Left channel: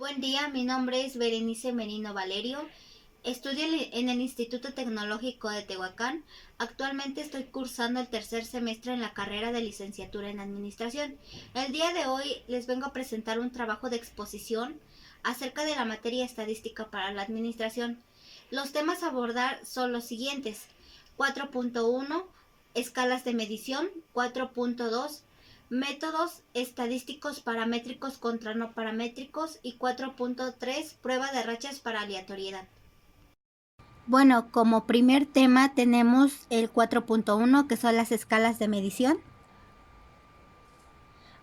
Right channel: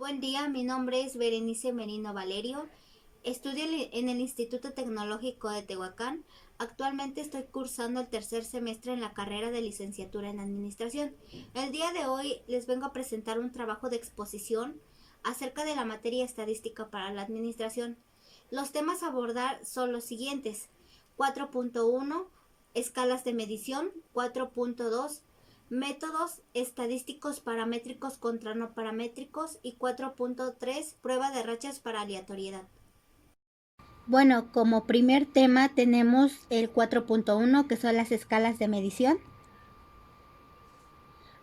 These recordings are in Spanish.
Buen día, mi nombre es Berenice Merino Valerio. Estudio en el Instituto Tecnológico de Tehuacán. Actualmente estoy cursando el tercer semestre en la carrera de licenciatura en Administración. El día de hoy les vengo a presentar un trabajo de exposición acerca de la materia estadística para la administración. Los temas a abordar son los siguientes: 4.1, escalas de medición; 4.2, métodos estadísticos paramétricos contra no paramétricos; y 4.3, prueba de rachas para aleatoriedad. Bueno, como primer tema tenemos el 4.1, que son las escalas de medición.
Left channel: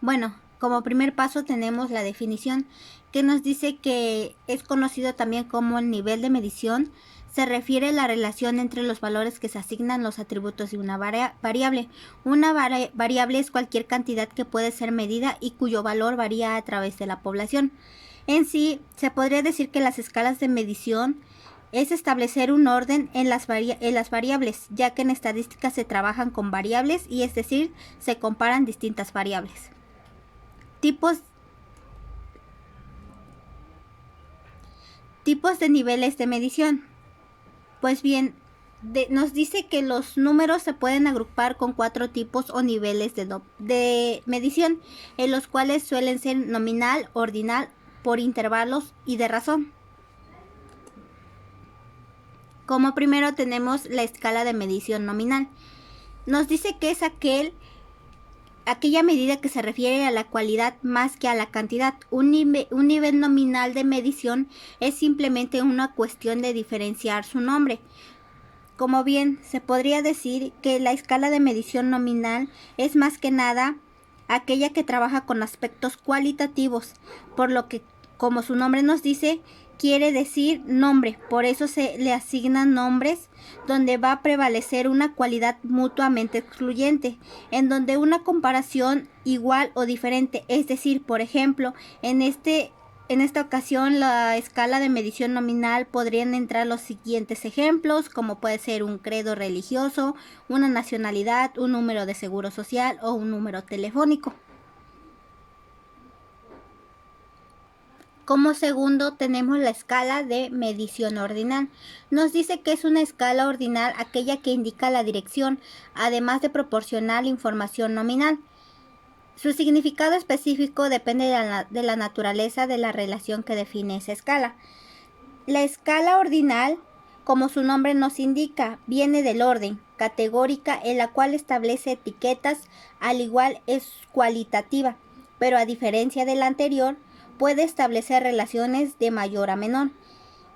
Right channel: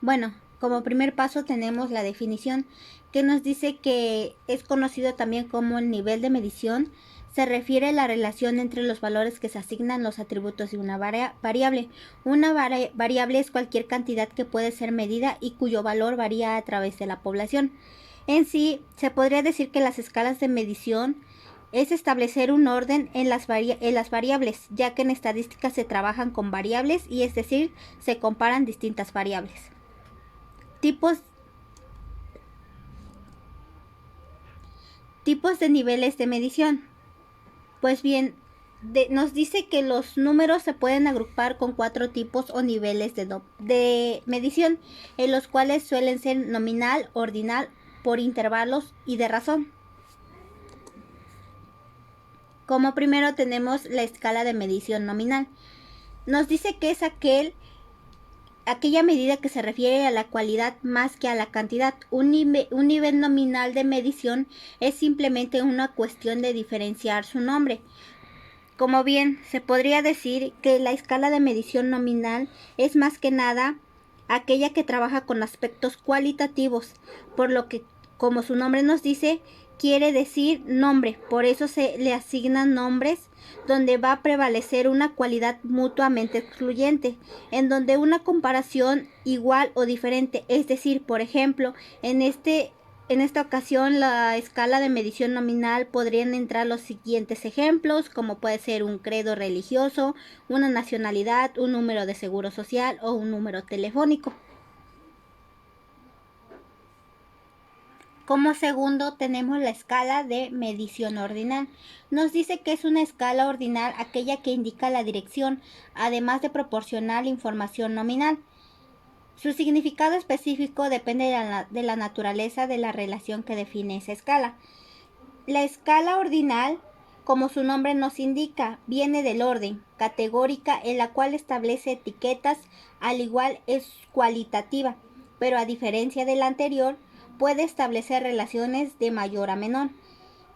Bueno, como primer paso tenemos la definición, que nos dice que es conocido también como el nivel de medición. Se refiere a la relación entre los valores que se asignan los atributos de una variable. Una variable es cualquier cantidad que puede ser medida y cuyo valor varía a través de la población. En sí, se podría decir que las escalas de medición es establecer un orden en las variables, ya que en estadística se trabajan con variables, y es decir, se comparan distintas variables. Tipos de niveles de medición. Pues bien, nos dice que los números se pueden agrupar con 4 tipos o niveles de medición, en los cuales suelen ser nominal, ordinal, por intervalos y de razón. Como primero tenemos la escala de medición nominal. Nos dice que es aquella medida que se refiere a la cualidad más que a la cantidad. Un nivel nominal de medición es simplemente una cuestión de diferenciar su nombre. Como bien, se podría decir que la escala de medición nominal es más que nada aquella que trabaja con aspectos cualitativos, por lo que, como su nombre nos dice, quiere decir nombre. Por eso se le asignan nombres donde va a prevalecer una cualidad mutuamente excluyente, en donde una comparación igual o diferente, es decir, por ejemplo, en esta ocasión, la escala de medición nominal podrían entrar los siguientes ejemplos, como puede ser un credo religioso, una nacionalidad, un número de seguro social o un número telefónico. Como segundo tenemos la escala de medición ordinal. Nos dice que es una escala ordinal aquella que indica la dirección, además de proporcionar la información nominal. Su significado específico depende de la naturaleza de la relación que define esa escala. La escala ordinal, como su nombre nos indica, viene del orden, categórica, en la cual establece etiquetas, al igual es cualitativa, pero a diferencia de la anterior, puede establecer relaciones de mayor a menor.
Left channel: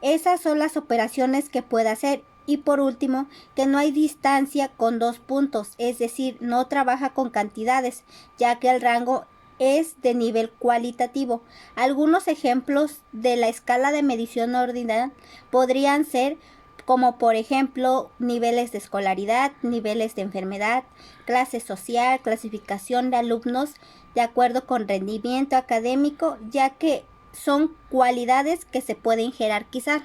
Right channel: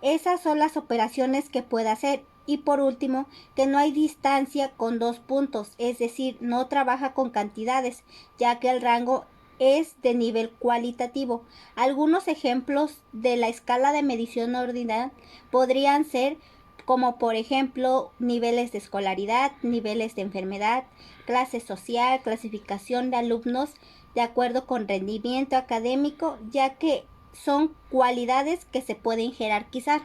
Esas son las operaciones que puede hacer. Y por último, que no hay distancia con 2 puntos, es decir, no trabaja con cantidades, ya que el rango es de nivel cualitativo. Algunos ejemplos de la escala de medición ordinal podrían ser, como por ejemplo, niveles de escolaridad, niveles de enfermedad, clase social, clasificación de alumnos de acuerdo con rendimiento académico, ya que son cualidades que se pueden jerarquizar.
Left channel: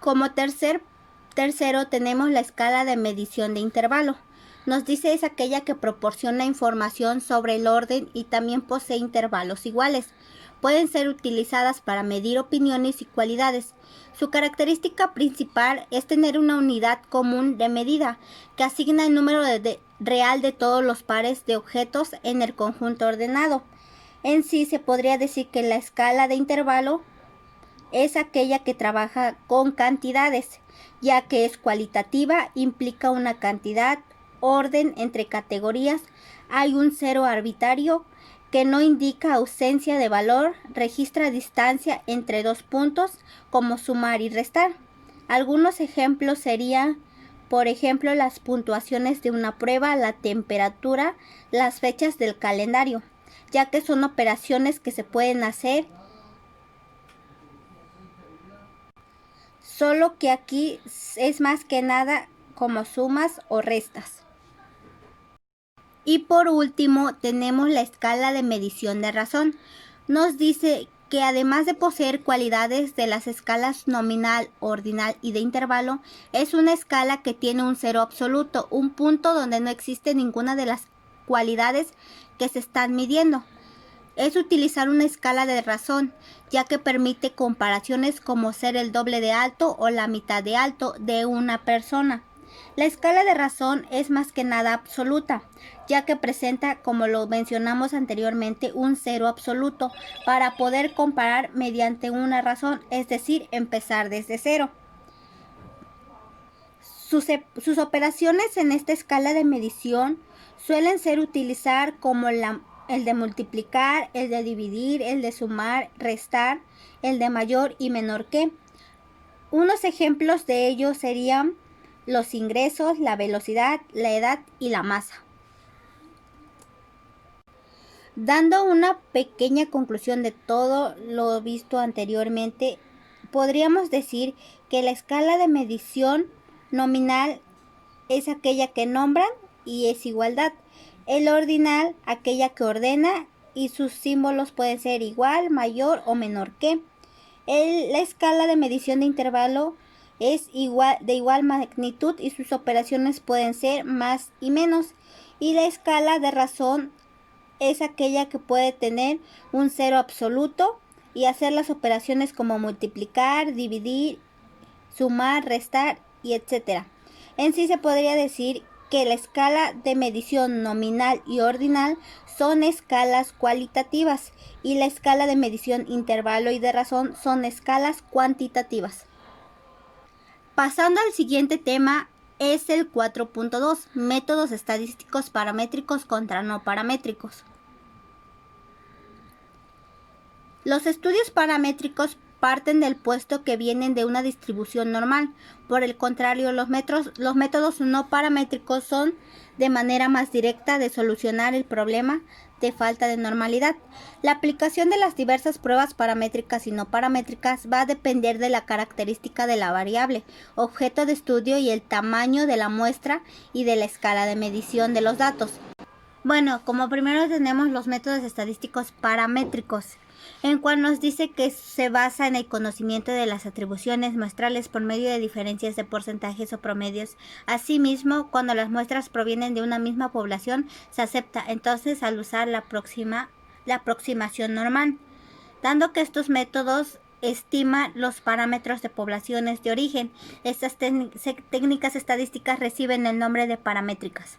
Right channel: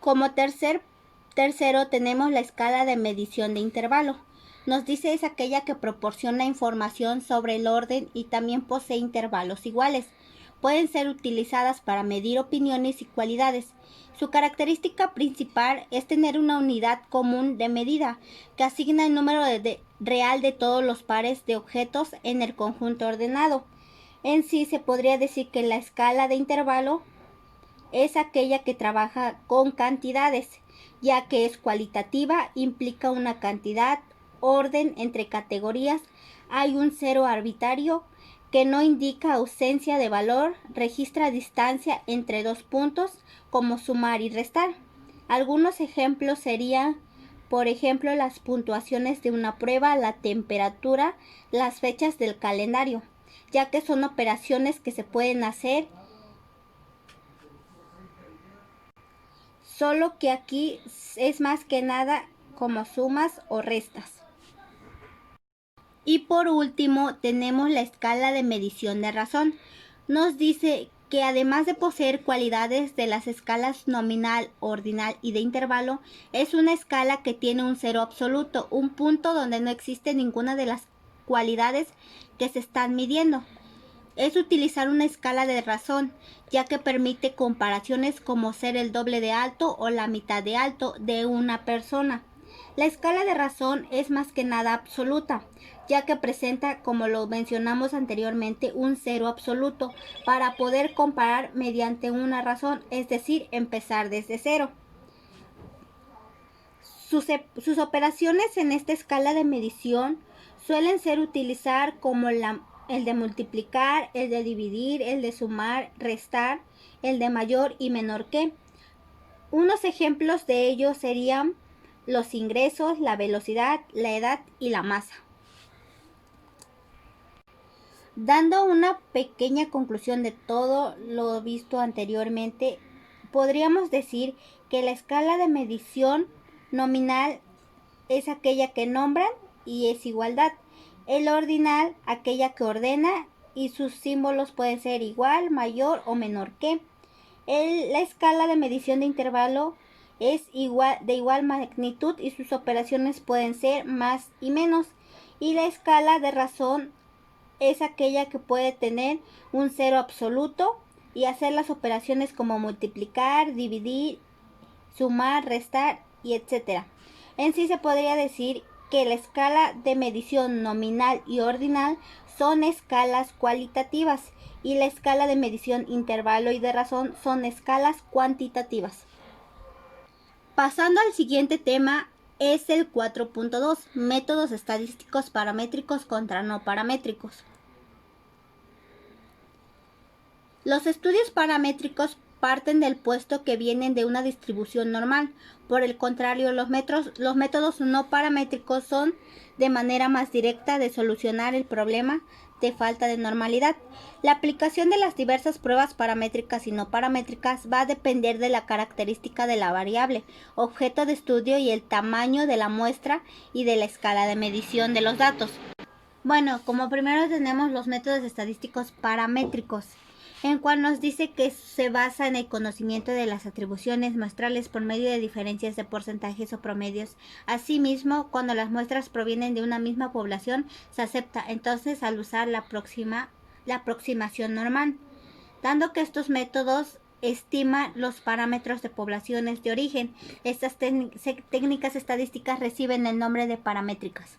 Como tercero tenemos la escala de medición de intervalo. Nos dice es aquella que proporciona información sobre el orden y también posee intervalos iguales. Pueden ser utilizadas para medir opiniones y cualidades. Su característica principal es tener una unidad común de medida que asigna el número real de todos los pares de objetos en el conjunto ordenado. En sí se podría decir que la escala de intervalo es aquella que trabaja con cantidades, ya que es cualitativa, implica una cantidad, orden entre categorías, hay un cero arbitrario que no indica ausencia de valor, registra distancia entre 2 puntos, como sumar y restar. Algunos ejemplos serían, por ejemplo, las puntuaciones de una prueba, la temperatura, las fechas del calendario, ya que son operaciones que se pueden hacer, solo que aquí es más que nada como sumas o restas. Y por último tenemos la escala de medición de razón. Nos dice que además de poseer cualidades de las escalas nominal, ordinal y de intervalo, es una escala que tiene un cero absoluto, un punto donde no existe ninguna de las cualidades que se están midiendo. Es utilizar una escala de razón, ya que permite comparaciones como ser el doble de alto o la mitad de alto de una persona. La escala de razón es más que nada absoluta, ya que presenta, como lo mencionamos anteriormente, un cero absoluto para poder comparar mediante una razón, es decir, empezar desde cero. Sus operaciones en esta escala de medición suelen ser utilizar como el de multiplicar, el de dividir, el de sumar, restar, el de mayor y menor que. Unos ejemplos de ello serían los ingresos, la velocidad, la edad y la masa. Dando una pequeña conclusión de todo lo visto anteriormente, podríamos decir que la escala de medición nominal es aquella que nombran y es igualdad. El ordinal, aquella que ordena y sus símbolos pueden ser igual, mayor o menor que. La escala de medición de intervalo es de igual magnitud y sus operaciones pueden ser más y menos. Y la escala de razón es aquella que puede tener un cero absoluto y hacer las operaciones como multiplicar, dividir, sumar, restar y etc. En sí se podría decir que la escala de medición nominal y ordinal son escalas cualitativas y la escala de medición intervalo y de razón son escalas cuantitativas. Pasando al siguiente tema es el 4.2, métodos estadísticos paramétricos contra no paramétricos. Los estudios paramétricos parten del puesto que vienen de una distribución normal. Por el contrario, los métodos no paramétricos son de manera más directa de solucionar el problema de falta de normalidad. La aplicación de las diversas pruebas paramétricas y no paramétricas va a depender de la característica de la variable, objeto de estudio y el tamaño de la muestra y de la escala de medición de los datos. Bueno, como primero tenemos los métodos estadísticos paramétricos, en cual nos dice que se basa en el conocimiento de las atribuciones muestrales por medio de diferencias de porcentajes o promedios. Asimismo, cuando las muestras provienen de una misma población, se acepta entonces al usar la aproximación normal, dando que estos métodos estiman los parámetros de poblaciones de origen. Estas técnicas estadísticas reciben el nombre de paramétricas.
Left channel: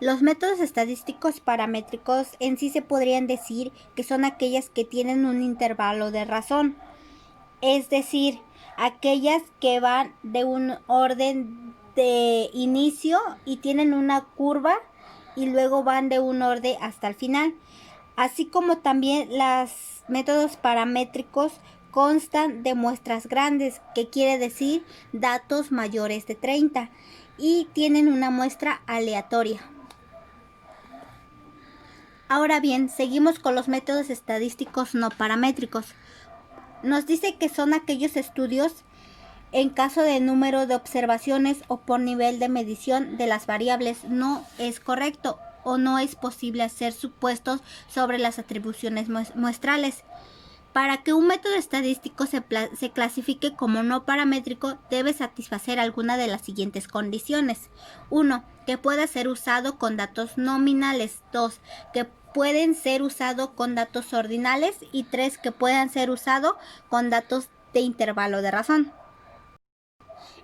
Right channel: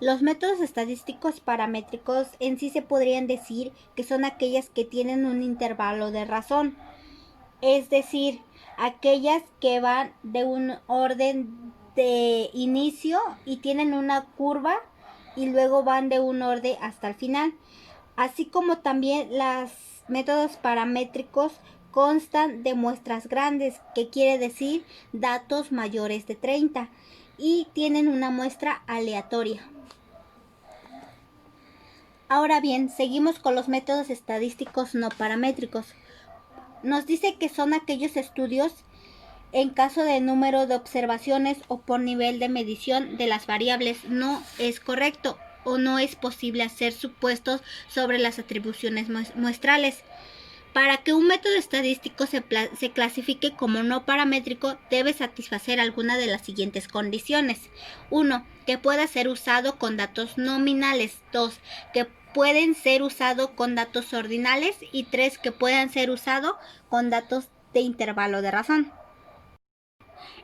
Los métodos estadísticos paramétricos en sí se podrían decir que son aquellas que tienen un intervalo de razón, es decir, aquellas que van de un orden de inicio y tienen una curva y luego van de un orden hasta el final, así como también los métodos paramétricos constan de muestras grandes, que quiere decir datos mayores de 30, y tienen una muestra aleatoria. Ahora bien, seguimos con los métodos estadísticos no paramétricos. Nos dice que son aquellos estudios en caso de número de observaciones o por nivel de medición de las variables. No es correcto o no es posible hacer supuestos sobre las atribuciones muestrales. Para que un método estadístico se clasifique como no paramétrico, debe satisfacer alguna de las siguientes condiciones. 1. Que pueda ser usado con datos nominales. 2. Que pueden ser usados con datos ordinales. Y 3. Que puedan ser usados con datos de intervalo de razón.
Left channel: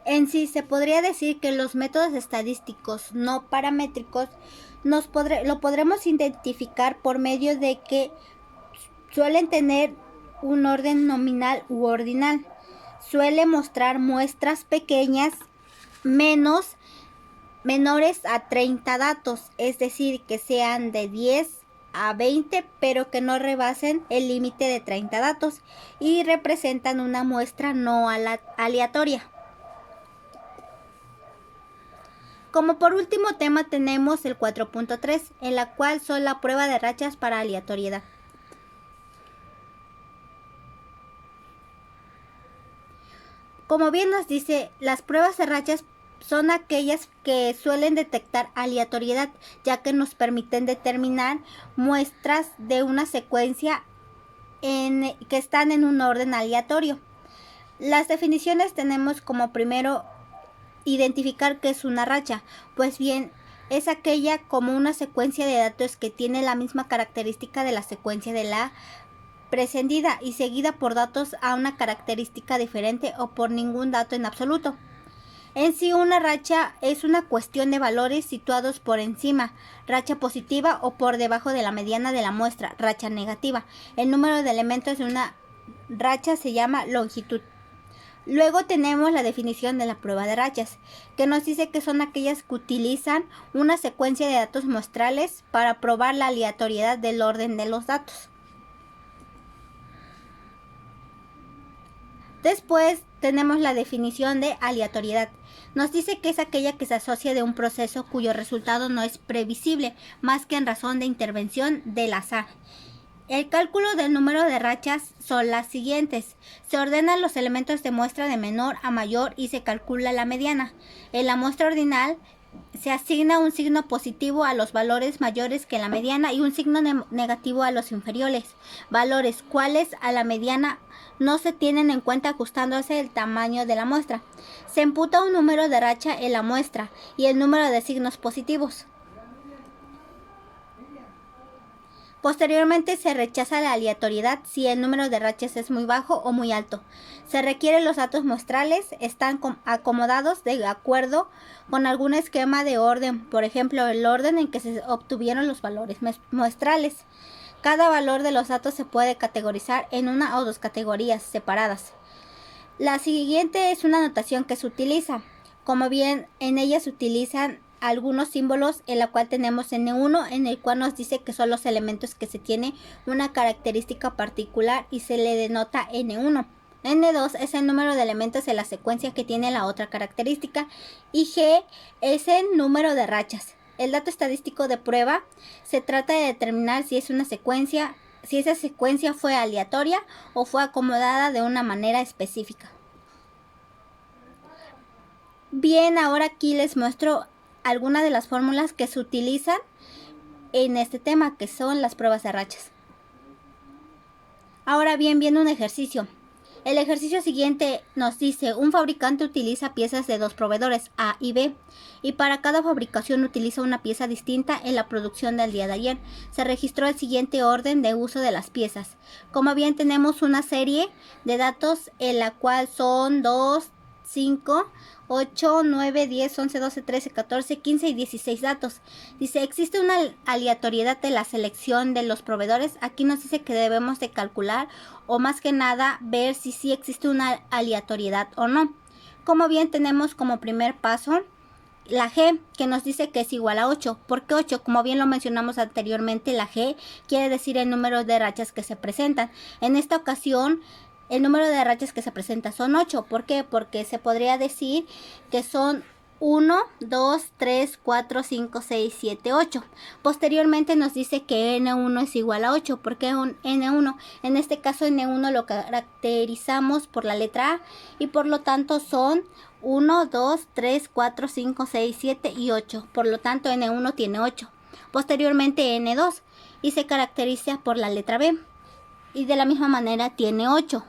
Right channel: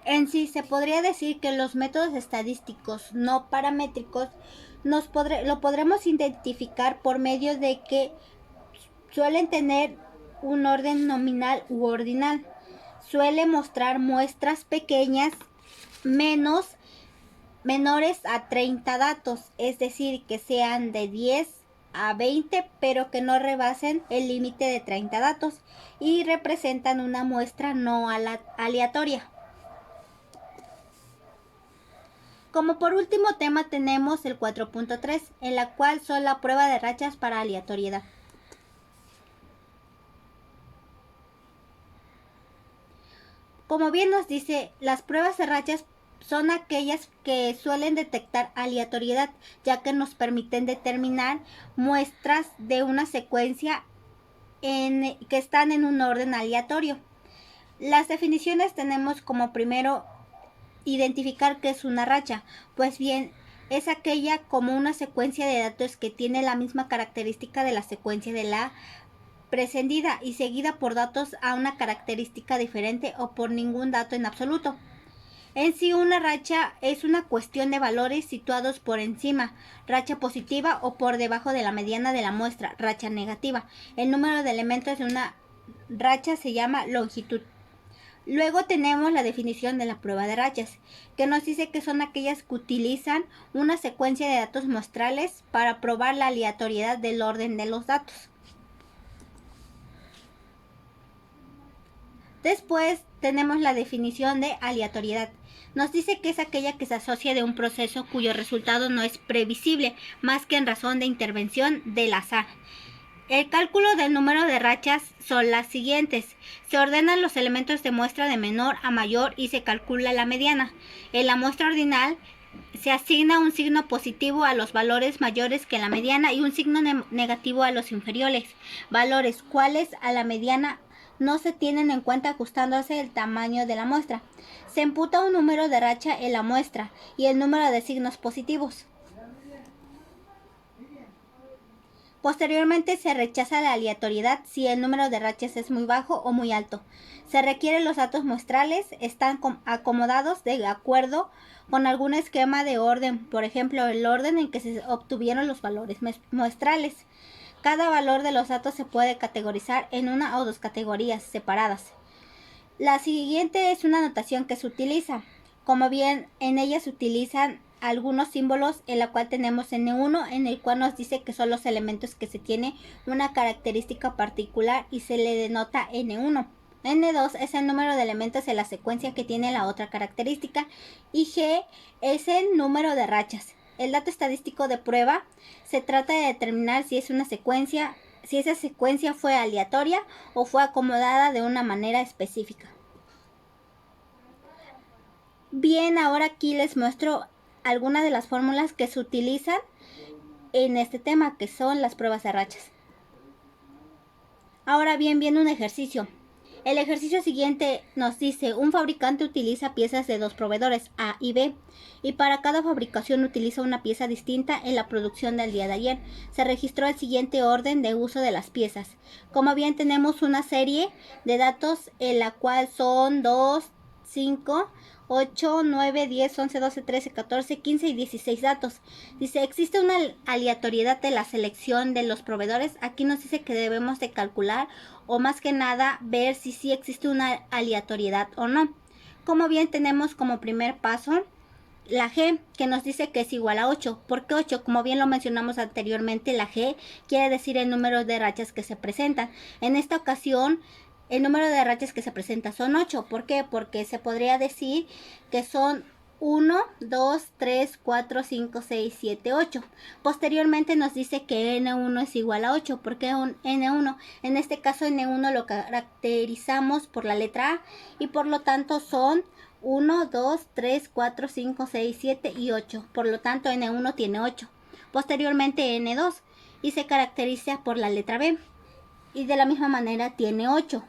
En sí, se podría decir que los métodos estadísticos no paramétricos lo podremos identificar por medio de que suelen tener un orden nominal u ordinal. Suele mostrar muestras pequeñas menores a 30 datos, es decir, que sean de 10 a 20, pero que no rebasen el límite de 30 datos y representan una muestra no aleatoria. Como por último tema tenemos el 4.3, en la cual son la prueba de rachas para aleatoriedad. Como bien nos dice, las pruebas de rachas son aquellas que suelen detectar aleatoriedad, ya que nos permiten determinar muestras de una secuencia que están en un orden aleatorio. Las definiciones tenemos como primero identificar qué es una racha. Pues bien, es aquella como una secuencia de datos que tiene la misma característica de la secuencia de la precedida y seguida por datos a una característica diferente o por ningún dato en absoluto. En sí, una racha es una cuestión de valores situados por encima, racha positiva, o por debajo de la mediana de la muestra, racha negativa. El número de elementos de una racha se llama longitud. Luego tenemos la definición de la prueba de rachas, que nos dice que son aquellas que utilizan una secuencia de datos muestrales para probar la aleatoriedad del orden de los datos. Después tenemos la definición de aleatoriedad. Nos dice que es aquella que se asocia de un proceso cuyo resultado no es previsible, más que en razón de intervención del azar. El cálculo del número de rachas son las siguientes. Se ordenan los elementos de muestra de menor a mayor y se calcula la mediana. En la muestra ordinal se asigna un signo positivo a los valores mayores que la mediana y un signo negativo a los inferiores. Valores cuales a la mediana no se tienen en cuenta ajustándose el tamaño de la muestra. Se imputa un número de racha en la muestra y el número de signos positivos. Posteriormente se rechaza la aleatoriedad si el número de rachas es muy bajo o muy alto. Se requieren los datos muestrales, están acomodados de acuerdo con algún esquema de orden, por ejemplo, el orden en que se obtuvieron los valores muestrales. Cada valor de los datos se puede categorizar en una o dos categorías separadas. La siguiente es una notación que se utiliza. Como bien en ella se utilizan algunos símbolos, en la cual tenemos N1, en el cual nos dice que son los elementos que se tiene una característica particular y se le denota N1. N2 es el número de elementos en la secuencia que tiene la otra característica y G es el número de rachas. El dato estadístico de prueba se trata de determinar si es una secuencia, si esa secuencia fue aleatoria o fue acomodada de una manera específica. Bien, ahora aquí les muestro algunas de las fórmulas que se utilizan en este tema, que son las pruebas de rachas. Ahora bien, viene un ejercicio. El ejercicio siguiente nos dice: un fabricante utiliza piezas de dos proveedores, A y B, y para cada fabricación utiliza una pieza distinta en la producción del día de ayer. Se registró el siguiente orden de uso de las piezas. Como bien, tenemos una serie de datos en la cual son 2, 5, 8, 9, 10, 11, 12, 13, 14, 15 y 16 datos. Dice: existe una aleatoriedad de la selección de los proveedores. Aquí nos dice que debemos de calcular, o más que nada ver si sí existe una aleatoriedad o no. Como bien, tenemos como primer paso la G, que nos dice que es igual a 8. ¿Por qué 8? Como bien lo mencionamos anteriormente, la G quiere decir el número de rachas que se presentan. En esta ocasión, el número de rachas que se presenta son 8. ¿Por qué? Porque se podría decir que son 1, 2, 3, 4, 5, 6, 7, 8. Posteriormente nos dice que N1 es igual a 8. ¿Por qué un N1? En este caso N1 lo caracterizamos por la letra A y por lo tanto son 1, 2, 3, 4, 5, 6, 7 y 8. Por lo tanto N1 tiene 8. Posteriormente N2 y se caracteriza por la letra B y de la misma manera tiene 8.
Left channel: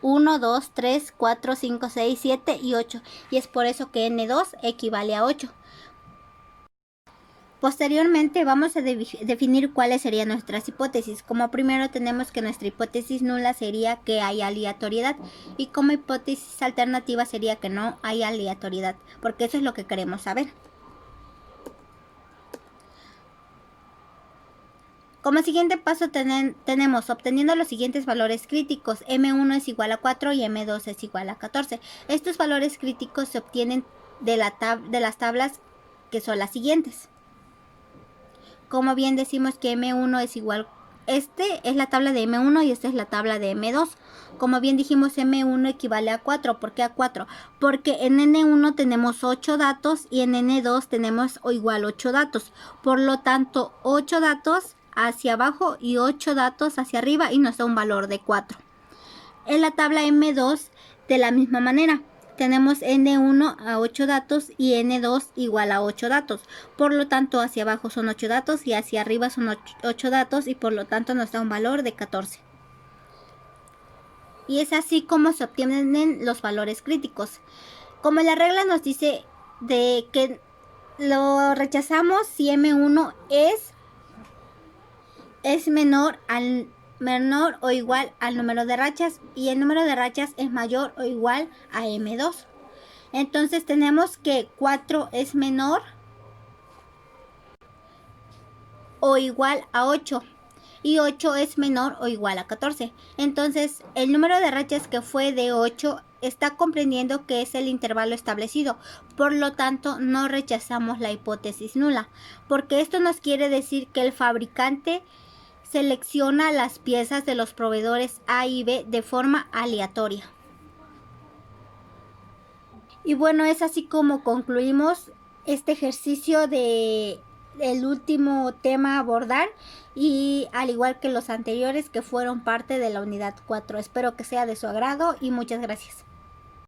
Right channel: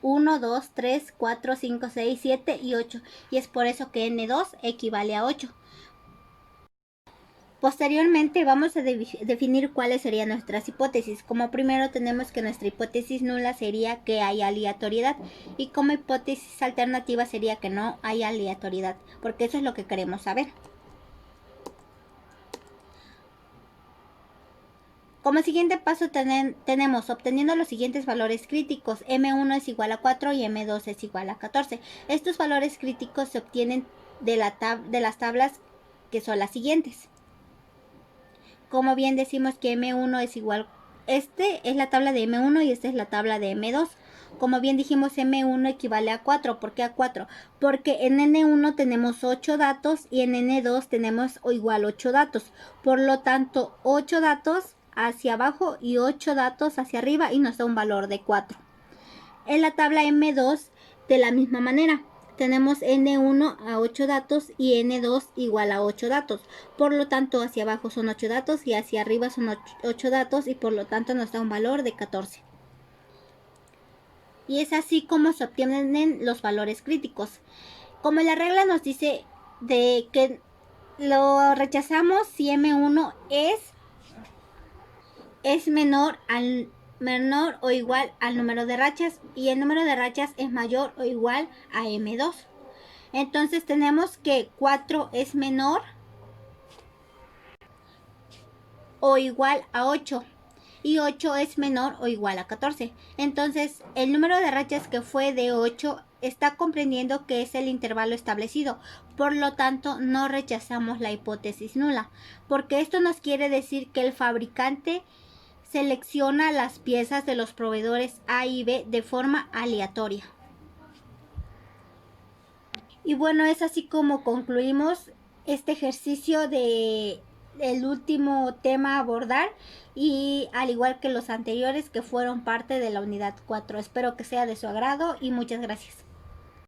1, 2, 3, 4, 5, 6, 7 y 8. Y es por eso que N2 equivale a 8. Posteriormente vamos a definir cuáles serían nuestras hipótesis. Como primero tenemos que nuestra hipótesis nula sería que hay aleatoriedad. Y como hipótesis alternativa sería que no hay aleatoriedad. Porque eso es lo que queremos saber. Como siguiente paso tenemos obteniendo los siguientes valores críticos. M1 es igual a 4 y M2 es igual a 14. Estos valores críticos se obtienen de las tablas que son las siguientes. Como bien decimos que M1 es igual, este es la tabla de M1 y esta es la tabla de M2. Como bien dijimos, M1 equivale a 4. ¿Por qué a 4? Porque en N1 tenemos 8 datos y en N2 tenemos igual 8 datos. Por lo tanto, 8 datos hacia abajo y 8 datos hacia arriba y nos da un valor de 4. En la tabla M2 de la misma manera. Tenemos N1 a 8 datos y N2 igual a 8 datos. Por lo tanto, hacia abajo son 8 datos y hacia arriba son 8 datos y por lo tanto nos da un valor de 14. Y es así como se obtienen los valores críticos. Como la regla nos dice de que lo rechazamos si M1 es menor o igual al número de rachas y el número de rachas es mayor o igual a M2. Entonces tenemos que 4 es menor o igual a 8 y 8 es menor o igual a 14. Entonces el número de rachas que fue de 8 está comprendiendo que es el intervalo establecido. Por lo tanto, no rechazamos la hipótesis nula, porque esto nos quiere decir que el fabricante selecciona las piezas de los proveedores A y B de forma aleatoria. Y bueno, es así como concluimos este ejercicio de el último tema a abordar y al igual que los anteriores que fueron parte de la unidad 4. Espero que sea de su agrado y muchas gracias.